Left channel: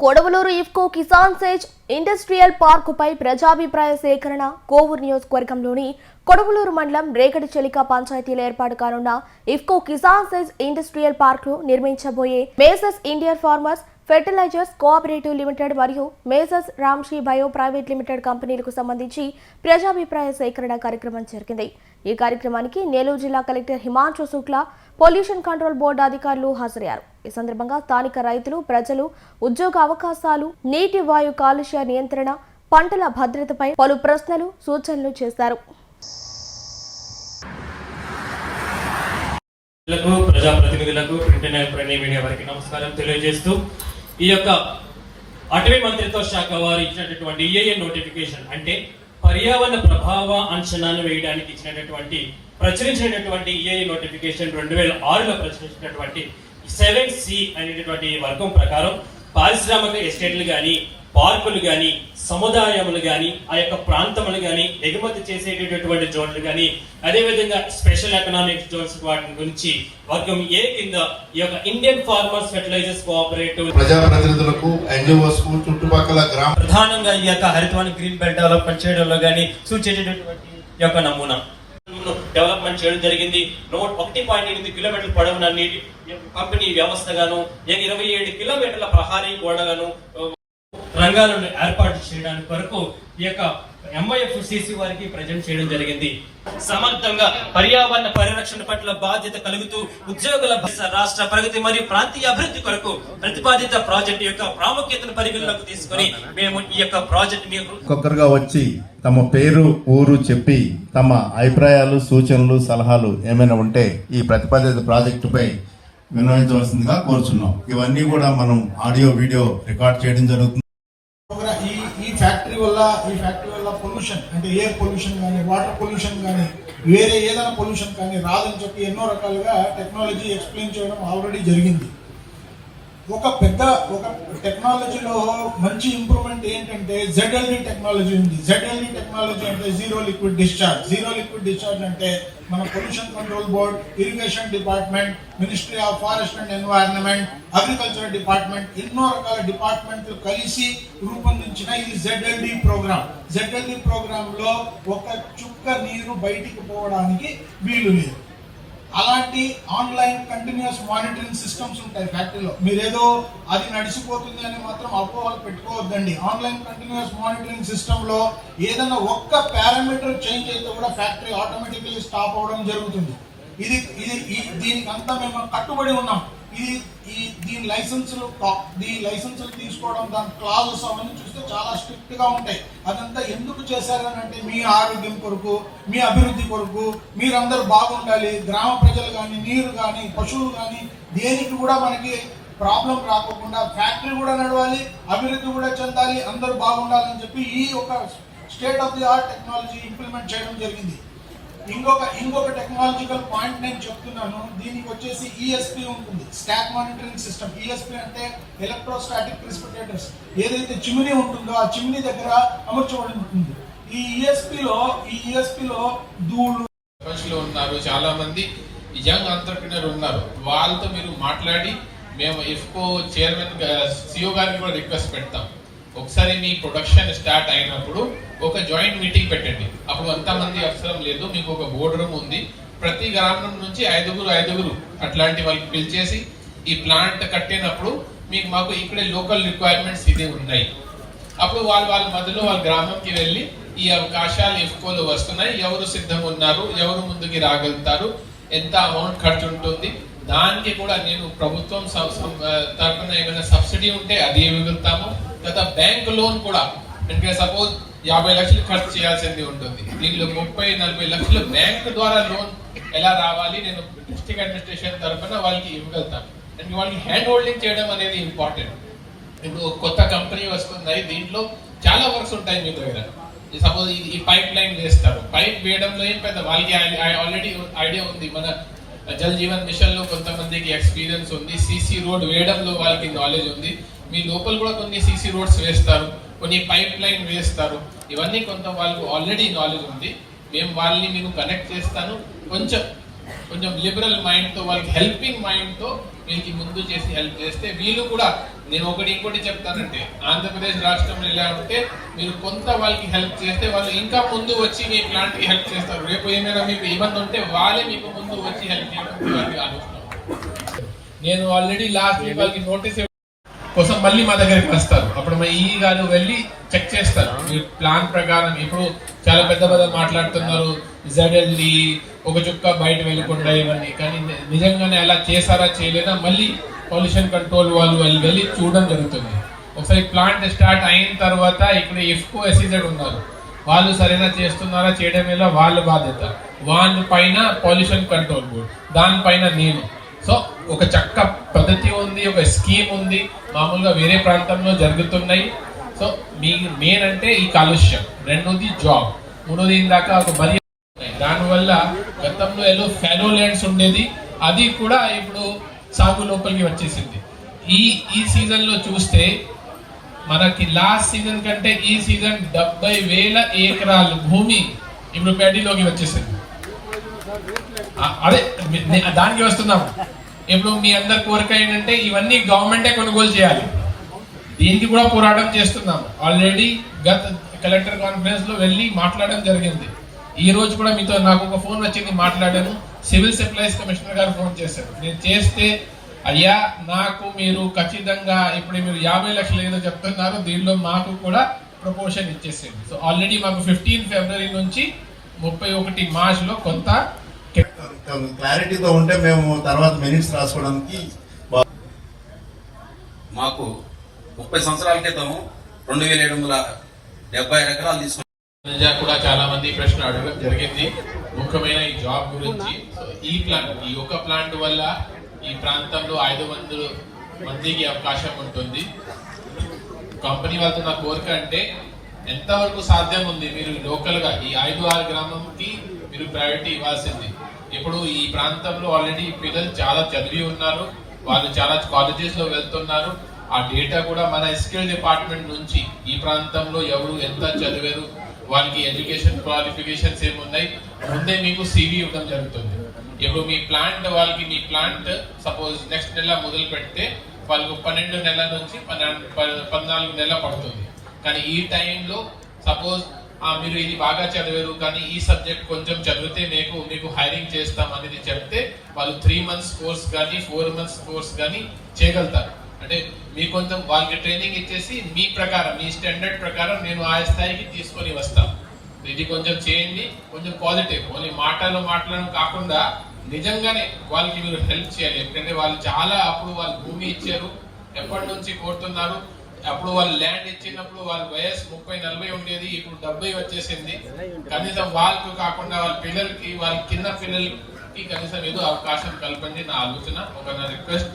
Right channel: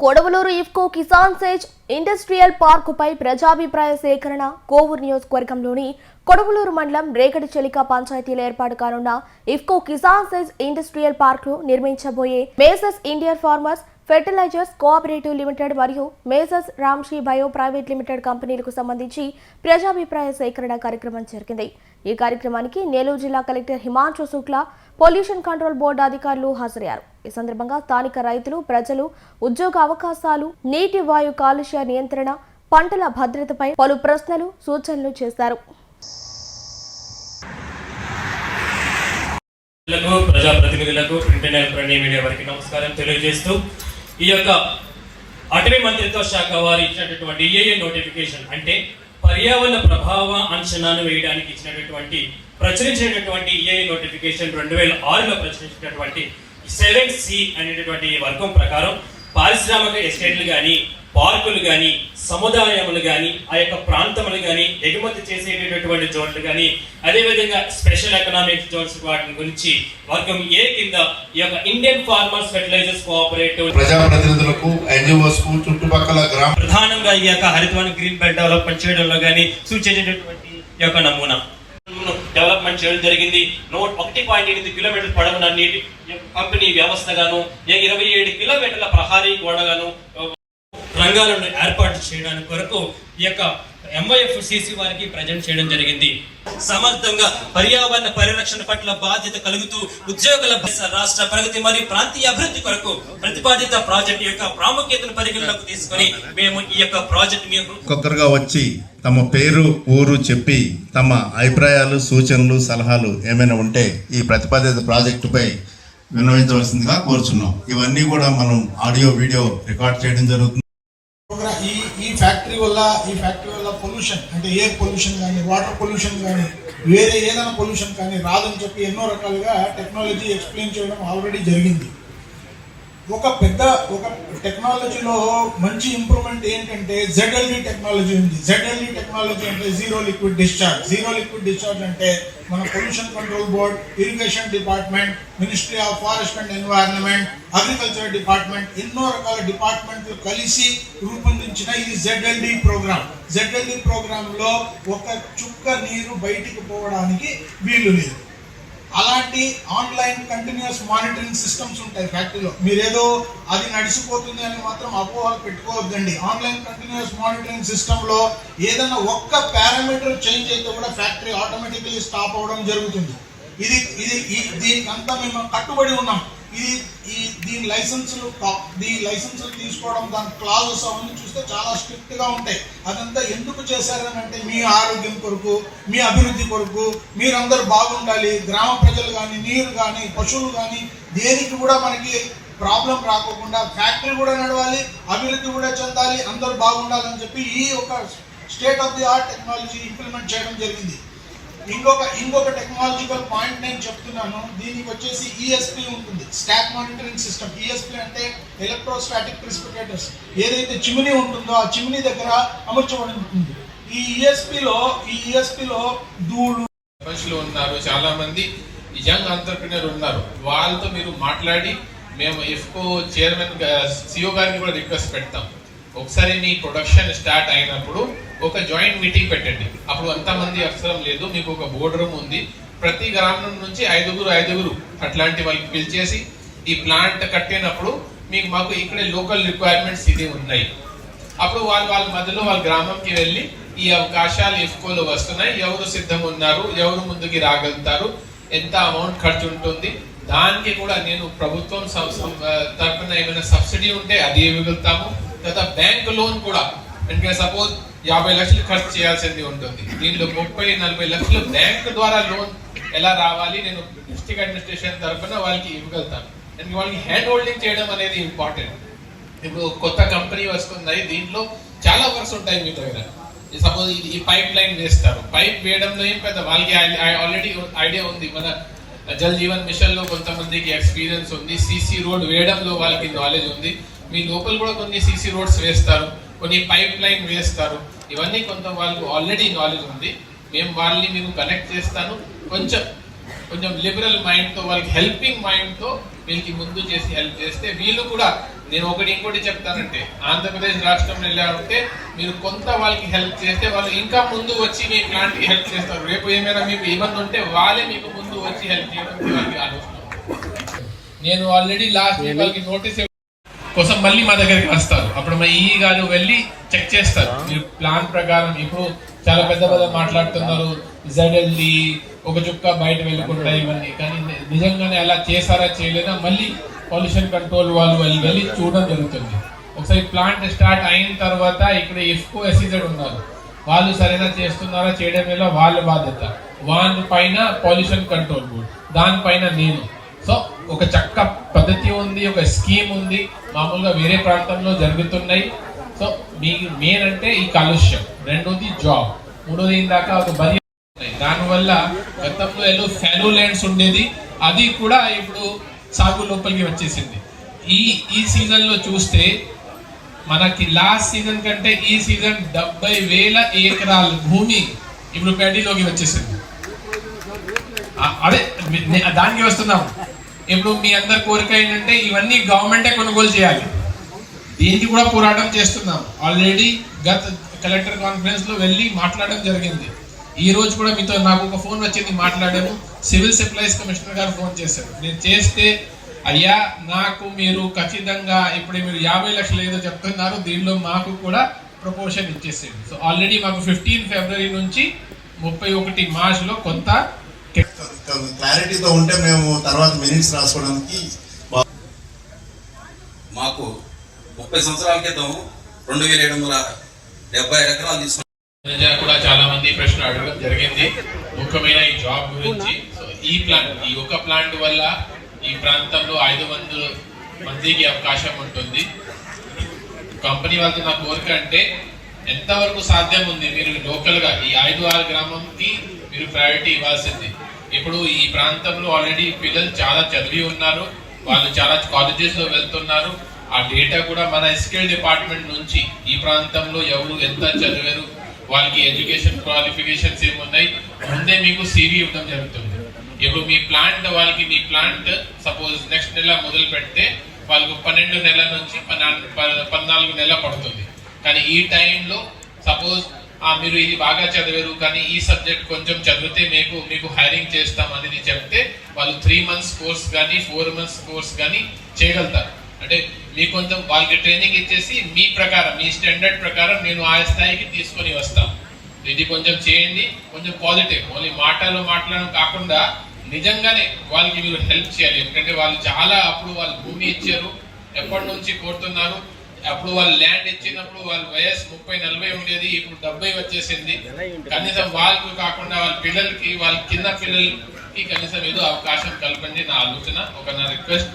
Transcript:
Kodavalur IFFCO Kisan SEZ industrial పార్కుపై ప్రజాభిప్రాయ సేకరణ కోవూరు నియోజకవర్గంలోని కొడవలూరు మండలం రేగడిచెలిక పంచాయతీలో ఏర్పాటు కానున్న ఇఫ్కో కిసాన్ సేజ్ ఇండస్ట్రియల్ పార్కులో నిర్మించబోయే messrs Indian farmers fertilisers cooperative limited మరియు messrs Ramshi bio private limited కంపెనీలకు సంబంధించి ప్రజాభిప్రాయ సేకరణ కార్యక్రమం జరిగింది. ఈ కార్యక్రమానికి నెల్లూరు జిల్లా collector Himanshu Shukla, pollution control board అధికారులు హాజరయ్యారు. ఈ సందర్భంగా స్థానిక రైతులు, ప్రజలు ఉద్యోగ అవకాశాలు, నీటి వాయు కాలుష్య నియంత్రణ, పంటల భద్రతపై పలు ప్రశ్నలు, సూచనలు చేశారు. ప్రజాప్రతినిధులకు ప్రింట్ అండ్ ఎలక్ట్రానిక్ మీడియా వారికి నమస్కారం తెలియజేస్తూ ఈ యొక్క అటవీ మంత్రిత్వ శాఖ వారు ఇచ్చినటువంటి EIA నోటిఫికేషన్ అంటే పర్యావరణ ప్రభావ అంచనాను వేయడానికి ఇచ్చినటువంటి ప్రచురించినటువంటి EIA నోటిఫికేషన్ 2006లో ప్రచురించినటువంటి 7C అనేటటువంటి వర్గం ప్రకారం పారిశ్రామిక ఎస్టేట్లు కానీ, పార్కులు కానీ, సముదాయములు కానీ, ఆ యొక్క ప్రాంతములు కానీ, ఎగుమతి చేసేటటువంటి జోన్లు కానీ, అదేవిధంగా స్పెషల్ ఎకనామిక్ జోన్స్ వాటి గురించి వర్గం ఏ కింద ఈ యొక్క ఇండియన్ ఫార్మర్స్ ఫెర్టిలైజర్స్ కోఆపరేటివ్ ప్రజాప్రతినిధులకు, NGOs కు, చుట్టుపక్కల గ్రామ ప్రధానంగా ఈ యొక్క హరితవన గ్రీన్ బెల్ట్ డెవలప్మెంట్ చేయడంలో కానీ సూచించేటటువంటి ఈ యొక్క నమూనా డెవలప్మెంట్ చేయడం జరిగింది. 1.8 కిలోమీటర్ల పొడవున నీటి పంపిణీ వ్యవస్థగాను, 27 కిలోమీటర్ల ప్రహారీ గోడగాను రంగాలను ఏర్పాటు చేయడానికి కొరకు ఈ యొక్క MYFCC వారికి ప్రజెంట్ చేయడం జరిగింది. సమర్థంగా పర్యావరణ పరిరక్షణ పట్ల బాధ్యత కలుగుతూ ఉద్యోగుల రాష్ట్ర ప్రగతి మరియు ప్రాంతీయ అభివృద్ధి కొరకు ప్రతిపాదిత ప్రాజెక్టు యొక్క ప్రాముఖ్యతను పరిగణలోకి తీసుకొని మేము ఈ యొక్క ప్రాజెక్ట్ ఒక్కొక్కరుగా వచ్చి తమ పేరు, ఊరు చెప్పి తమ అభిప్రాయాలు, సూచనలు, సలహాలు ఏమైనా ఉంటే ఈ ప్రతిపాదిత ప్రాజెక్టుపై విన్నవించవలసిందిగా కోరుచున్నాం. ఇవన్నీ కూడా మనం ఆడియో, వీడియో రికార్డ్ చేయడం జరుగుతుంది. ఈ ఫ్యాక్టరీ వల్ల పొల్యూషన్ అంటే ఎయిర్ పొల్యూషన్ కానీ, వాటర్ పొల్యూషన్ కానీ, వేరే ఏదైనా పొల్యూషన్ కానీ రాదని చెప్పి ఎన్నో రకాలుగా టెక్నాలజీ ఎక్స్ప్లెయిన్ చేయడం ఆల్రెడీ జరిగింది. ఒక టెక్నాలజీలో మంచి ఇంప్రూవ్మెంట్ ఏంటంటే ZLD టెక్నాలజీ ఉంది. ZLD టెక్నాలజీ అంటే జీరో లిక్విడ్ డిశ్చార్జ్ అంటే మన pollution control board, irrigation department, ministry of forest and environment, agriculture department, ఎన్నో రకాల డిపార్ట్మెంట్లు కలిసి రూపొందించిన ఇది ZLD ప్రోగ్రామ్. ZLD ప్రోగ్రామ్ లో ఒక చుక్క నీరు బయటికి పోవడానికి వీలు లేదు. అలాంటి ఆన్లైన్ కంటిన్యూస్ మానిటరింగ్ సిస్టమ్స్ ఉంటాయి ఫ్యాక్టరీలో. మీరేదో అది నడిచిపోతుంది అని మాత్రం అపోహలు పెట్టుకోవద్దండి. ఆన్లైన్ కంటిన్యూస్ మానిటరింగ్ సిస్టమ్ లో ఏదైనా ఒక్క పారామీటర్ చేంజ్ అయితే కూడా ఫ్యాక్టరీ ఆటోమేటికలీ స్టాప్ అవడం జరుగుతుంది. దీనికి అంతా మేము కట్టుబడి ఉన్నాం. దీని లైసెన్సులు తీసుకోవడం, దాని క్లాజెస్ అవన్నీ చూస్తే చాలా స్ట్రిక్ట్ గా ఉంటాయి. అదంతా ఎందుకు చేశారని అంటే మీ ఆరోగ్యం కొరకు, మీ అభివృద్ధి కొరకు, మీరందరూ బాగుండాలి. గ్రామ ప్రజలు కానీ, నీరు కానీ, పశువులు కానీ దేనికి కూడా మనకి ప్రాబ్లం రాకోకుండా ఫ్యాక్టరీ కూడా నడవాలి, అభివృద్ధి కూడా చెందాలి, అందరూ బాగుండాలని చెప్పి ఈ ఒక state of the art technology implement చేయడం జరిగింది. ఇంకొక టెక్నాలజికల్ పాయింట్ నేను చెప్తున్నాను. దీనికి వచ్చేసి ESP ఉంటుంది, స్టాక్ మానిటరింగ్ సిస్టమ్. ESP అంటే ఎలక్ట్రోస్టాటిక్ ప్రిసిపిటేటర్స్. ఏదైతే చిమ్నీ ఉంటుందో ఆ చిమ్నీ దగ్గర అమర్చబడి ఉంటుంది. ఈ ESP లో ధూళి ఉన్నారు, చాలా మంది యంగ్ ఎంటర్‌ప్రెన్యూర్ ఉన్నారు. వాళ్ళతో మీరు మాట్లాడి మేము ఇఫ్కో చైర్మన్ CEO గారిని కూడా రిక్వెస్ట్ పెడతాం. ఒకసారి మీ ప్రొడక్షన్ స్టార్ట్ అయినప్పుడు ఒక జాయింట్ మీటింగ్ పెట్టండి. అప్పుడు అంతమంది అవసరం లేదు, మీకు ఒక బోర్డు రూమ్ ఉంది. ప్రతి గ్రామం నుంచి ఐదుగురు అట్లాంటి వాళ్ళకి పిలిచేసి ఈ ప్లాంట్ కట్టినప్పుడు మాకు ఇక్కడ లోకల్ రిక్వైర్మెంట్స్ ఇది ఉన్నాయి. అప్పుడు వాళ్ళ మధ్యలో వాళ్ళ గ్రామంకి వెళ్ళి ఈ అవకాశాలు ఇఫ్కోలో వస్తున్నాయి, ఎవరు సిద్ధం ఉన్నారు, ఎవరు ముందుకి రాగలుగుతారు, ఎంత అమౌంట్ ఖర్చు ఉంటుంది, దానికి కూడా నేను ప్రభుత్వం తరఫున ఏమైనా సబ్సిడీ ఉంటే అది ఇవ్వగలుగుతాము. లేదా బ్యాంక్ లోన్ కూడా, అంటే సపోజ్ 50 లక్షలు ఖర్చు చేయాల్సింది ఉంటుంది, దీంట్లో 30-40 లక్షలు బ్యాంక్ ద్వారా లోన్ ఎలా రావాలి నేను డిస్ట్రిక్ట్ అడ్మినిస్ట్రేషన్ తరఫున వాళ్ళకి ఇవ్వగలుగుతాను. అంటే వాళ్ళకి హ్యాండ్ హోల్డింగ్ చేయడం అనేది ఇంపార్టెంట్. ఇప్పుడు కొత్త కంపెనీ వస్తున్నాయి, దీంట్లో చాలా వర్క్స్ ఉంటాయి మీ దగ్గర. సపోజ్ ఈ పైప్ లైన్ వేస్తారు, పైప్ వేయడంలో ఏం పెద్ద వాళ్ళకి ఆల్రెడీ ఐడియా ఉంది. మన జల్ జీవన్ మిషన్ లో కొంతమందికి ఎక్స్పీరియన్స్ ఉంది, CC రోడ్ వేయడంలో వాళ్ళకి నాలెడ్జ్ ఉంది. మీ లోపల కూడా కొన్ని CC రోడ్స్ వేస్తారు, కొన్ని పైప్ లైన్ వేస్తారు, ఇవన్నీ కొంత వాళ్ళకు ఆల్రెడీ నాలెడ్జ్ ఉంది. మేము వాళ్ళని కనెక్ట్ చేస్తాను. కొంచెం కొంచెం లిబరల్ మైండ్ తో, వాళ్ళకి హెల్పింగ్ మైండ్ తో వీళ్ళకి ముందు చేసి హెల్ప్ చేస్తే వీళ్ళు కూడా, నేను ఇంకోటి చెప్తానంటే, ఆంధ్రప్రదేశ్ రాష్ట్రంలో లేకపోతే మీరు కొంత వాళ్ళకి హెల్ప్ చేస్తే వాళ్ళు ఇంకా ముందు వచ్చి మీ ప్లాంట్ కి హెల్ప్ చేస్తారు. రేపు ఏమైనా మీకు ఇబ్బంది ఉంటే వాళ్ళే మీకు ముందు వచ్చి హెల్ప్ చేయడం ఆలోచన. నేను ఆల్రెడీ లాస్ట్ వీక్ వాళ్ళకి నోటీస్ కోసం మళ్ళీ మా దగ్గరికి వస్తారు. అప్పుడు మా ఈ గారు వెళ్ళి చెక్ చేస్తారు మీరు ప్లాన్ ప్రకారం. ఇప్పుడు చాలా పెద్ద మాట్లాడుతున్నారు, ZLD ఒక చుక్క బయట వెళ్ళకుండా ఇవన్నీ, కానీ నిజంగానే అలా చేశారా చేయలేదా మళ్ళీ పొల్యూషన్ కంట్రోల్ వాళ్ళు వెళ్ళి చూడడం జరుగుతుంది. ఒకసారి ప్లాంట్ స్టార్ట్ అయిన తర్వాత ఇక్కడ ఇఫ్కో SEZ ఉన్నారు, వాళ్ళు సరైన చేస్తున్నారా చేయడం వల్ల వాళ్ళ బాధ్యత. వాళ్ళ పైన పొల్యూషన్ కంట్రోల్ బోర్డ్, దానిపైన నేను. సో ఒక చక్క పద్ధతి ఉంది, ఒక స్కీమ్ ఉంది, మామూలుగా వేరే ప్రాంతంలో జరుగుతున్నాయి. సో మీ మెయిన్ అంటే ఈ కాలుష్యం, రెండోది జాబ్, మూడోది ఇందాక ఒక బలి. దానివల్ల గతంలో ఏదో ఫెలో ల్యాండ్స్ ఉండేది, అది కూడా ఇప్పుడు సాగు లోపలికి వచ్చేసింది. ఈ సీజన్ లో చూస్తే మనకి లాస్ట్ సీజన్ కంటే ఈ సీజన్ 70,000 ఎకరాల భూమి ఇప్పుడు గడ్డిలోకి వచ్చేసింది. అదే దానికి వస్తున్నాం. ఇప్పుడు మీ అందరి కోరిక ఏంటంటే ఇవన్నీ గవర్నమెంటే కొనుగోలు చేయాలి. దీనికి కూడా పోరాటం చేస్తున్నాం. ఆల్రెడీ గత కలెక్టర్ కాన్ఫరెన్స్ లో వెళ్ళి మాట్లాడడం జరిగింది. ఈ రోజు కూడా మీతో నాకు ఒక ఫోన్ వచ్చింది, మాట్లాడాను. సివిల్ సప్లైస్ కమిషనర్ గారు ఫోన్ చేశారు. నేను చేస్తే, అయ్యా నాకు మీరు ఖచ్చితంగా ఇప్పుడు మీరు 50 లక్షలు ఏదో చెప్తున్నారు, దీనిలో మాకు కూడా ప్రపోజల్ ఇచ్చేసేయండి. సో ఆల్రెడీ మాకు 15 ఫిబ్రవరి నుంచి 31 మార్చ్ లో కొంత క్లారిటీతో ఉంటే మేము తర్వాత మినిట్స్ రాసుకోవడానికి. మాకు 30 సంవత్సరాల క్రితం 2,770 ఎకరాలు తీసుకున్నాం. కూడా చాలా మంది ప్రశ్న అడగడం జరిగింది, ముఖ్యమైన ఈ జాబ్ గురించి. సో ఈ ఒక ప్లాంట్ వల్ల ఈ ప్రాంతంలో 500 మందికి అవకాశం ఉంటుంది. కంపెనీ వాళ్ళతో నా కోరిక అంటే ఎంతవరకు సాధ్యం ఉంది మీరు లోకల్ గా ఈ 5-6 గ్రామంకి మీరు ప్రయారిటీ ఇవ్వాల్సింది. ఇప్పుడు ఈ ప్రాంతంలో ఆల్రెడీ పిల్లలు చాలా చదివి ఉన్నారు, వాళ్ళు చాలా కాలేజెస్ లో వెళ్తున్నారు. ఆ డేటా కూడా మన SQL డిపార్ట్మెంట్ నుంచి ఈ ప్రాంతంలో ఎవరు ఎంత చదివారు, వాళ్ళకి ఎడ్యుకేషన్ క్వాలిఫికేషన్స్ ఏమున్నాయి, ముందే మీకు CV ఇవ్వడం జరుగుతుంది. ఇప్పుడు మీ ప్లాంట్ సపోజ్ నెక్స్ట్ నెల మొదలు పెడితే వాళ్ళకు 12 నెలల నుంచి 14 నెలల పడుతుంది. కానీ ఈ టైంలో సపోజ్ మీరు ఇది బాగా చదివారు కానీ ఈ సబ్జెక్ట్ కొంచెం చదివితే మీకు హైరింగ్ చేస్తాం అనేది చెప్తే వాళ్ళు 3 months కోర్స్ కానీ 4 months కోర్స్ కానీ చేయగలుగుతారు. అంటే మీ కొంచెం వాళ్ళకి ట్రైనింగ్ ఇచ్చేసి మీ ప్రకారం, మీ స్టాండర్డ్ ప్రకారం నేను ఆ స్థాయికి తీసుకొని వస్తాను. ఇది కొంచెం చేయండి, కొంచెం పాజిటివ్. ఓన్లీ మాట్లాడడం కాకుండా నిజంగానే వాళ్ళకి మీరు హెల్ప్ చేయాలి. ఎందుకంటే వాళ్ళు చాలా అప్పుడు వాళ్ళు భూమి ఇచ్చారు, ఎప్పటి నుంచి కోరుతున్నారు. అప్పుడు వాళ్ళు ల్యాండ్ ఇచ్చినప్పుడు వాళ్ళ వయసు 30-40 ఉండేది, ఇప్పుడు 70 వచ్చేసింది. కనీసం వాళ్ళకు కాకుండా వాళ్ళ పిల్లలకి, వాళ్ళ కింద పిల్లలకి కనీసం ఏదో అవకాశం కల్పండి. నా ఆలోచన, నా రిక్వెస్ట్.